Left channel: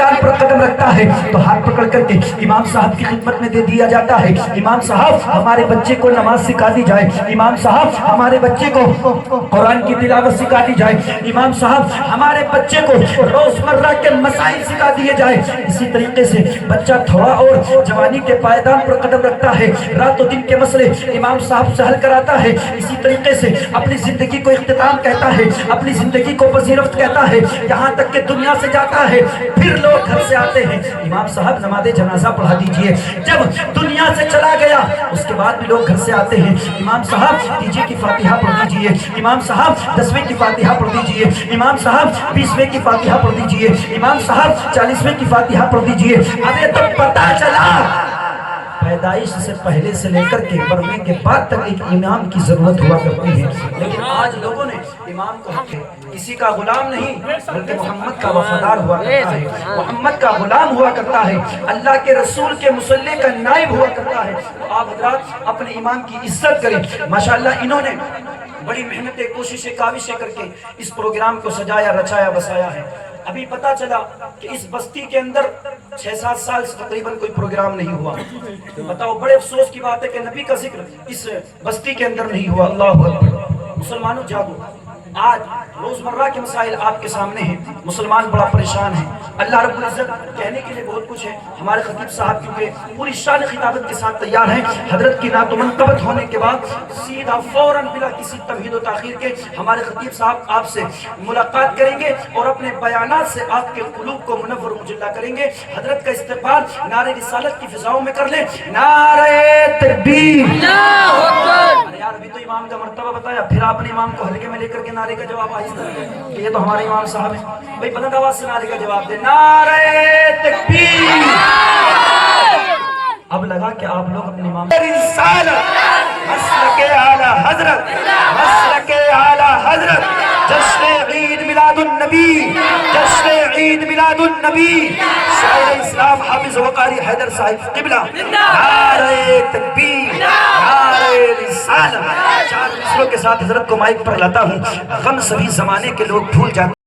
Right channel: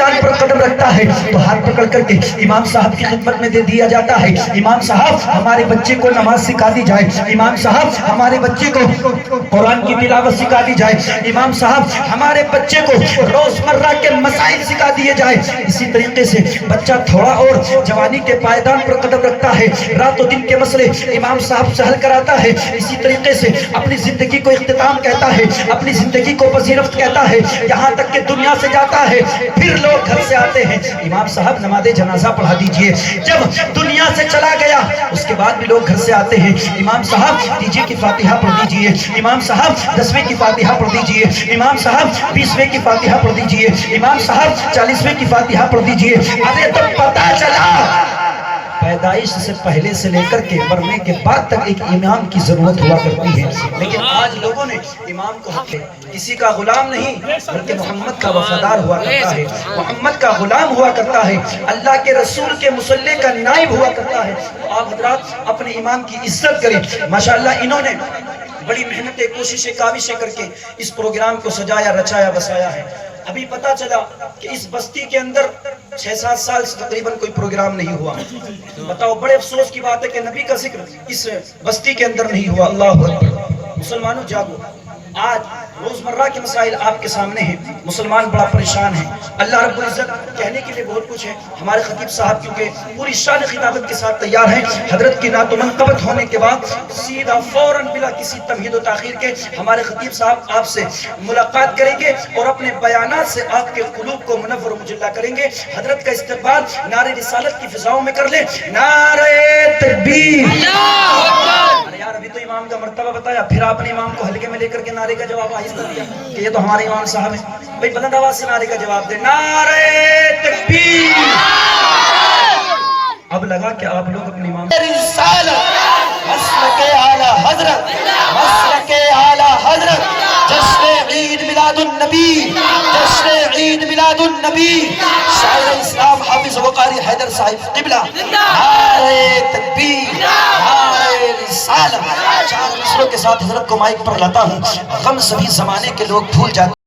پائیدان پر قدم رکھتا ہے تو ہاتھ پکڑ کر کے امام صاحب کی خدمت میں دے دیا جاتا ہے، امام صاحب ہمارے بچے کو نماز سکھا دی جائے، امام صاحب ہمارے بچے کو قرآن کی تلاوت سکھا دی جائے، امام صاحب ہمارے بچے کو روزمرہ کے مسائل سکھا دیے جائے۔ اسی طریقے سے بچہ تھوڑا اور جوانی کے پائیدان پر قدم رکھتا ہے، رات و دن کے مسئلے امام صاحب سے حل کراتا ہے۔ اسی طریقے سے اپنی زندگی کو اختتام کہتا ہے، اپنی زندگی کو پذیرفت کہتا ہے، یہاں تک کہ دنیا سے جاتا ہے، پھر لوگ گھر سے آتے ہیں، امام صاحب نماز جنازہ پڑھا دیجئے۔ جب دنیا سے چلا گیا اس کے بعد بھی لوگ گھر سے آتے ہیں، امام صاحب دیجئے کی فاتحہ پڑھ دیجئے، امام صاحب 10ویں کی فاتحہ پڑھ دیجئے، امام صاحب 20ویں کی فاتحہ پڑھ دیجئے، امام صاحب 40ویں کی فاتحہ پڑھ دیجئے۔ ارے تو پتہ چلا پیدائش سے پہلے سے لے کر کے مرنے کے بعد تک ایک امام کی ضرورت ہوا کرتی ہے، لیکن آج لوگوں نے امام کو حق کسی کا غلام نہیں بلکہ محمد کا وفادار ہوا کرتا ہے، محمد کا غلام ہوا کرتا ہے، اللہ کے رسول کے مصلی کا نائب ہوا کرتا ہے۔ تو آپ حضرات اپنے امام کی عزت کریں۔ ماشاءاللہ انہوں نے بڑی محنتیں کوششیں کاوشیں کر کے اس پروگرام کو سجایا رچایا بسایا ہے۔ ابھی پتا چلا کہ اس بستی کے اندر 6-7 سال سے تقریباً کوئی پروگرام نہیں ہوا۔ بتاؤ بڑے افسوس کی بات ہے کہ نبی کا ذکر اس بستی کے اندر نہیں ہوا۔ اللہ اکبر۔ مسلمانوں جاگو، آج روزمرہ کے مسائل آپ کے سامنے ہیں، مسلمان بڑا پریشان ہے۔ اللہ رب العزت کہنے کے لیے بہت کچھ ہے، ہمارے خطیب صاحب کیونکہ پوری شان خطابت کے ساتھ تیار ہیں، حضرت کی نعت و منقبت ہونے کے بعد سیدھا فوراً بلا کسی تمہید و تاخیر کے ہمارے خطیب صاحب آپ سے ملاقات کریں گے اور اپنے بیانات سے آپ کے قلوب کو منور و مجلہ کریں گے۔ حضرت کا استقبال نعرہ رسالت کی فضاؤں میں کر لیں۔ نعرہ تکبیر! ارے یار ابھی تو امام کا مرتبہ بتایا، پھر آپ نے امام کو ہلکے میں لے کر کے نعرے کا جواب آہستہ دیا کہ یہ تو ہمارے امام صاحب ہیں۔ بھئی بلند آواز سے نعرے کا جواب دے، نعرہ تکبیر! اب لگا کہ آپ لوگ اپنے امام رسالت مسلک اعلیٰ حضرت، مسلک اعلیٰ حضرت، جشن عید میلاد النبی، جشن عید میلاد النبی، شاعر اسلام حافظ وقاری حیدر صاحب قبلہ، نعرہ تکبیر، نعرہ رسالت۔ 4 مصروں کے ساتھ حضرت کو مائک پر لاتا ہوں۔ غم سبھی زمانے کے لوگ بھول جاتے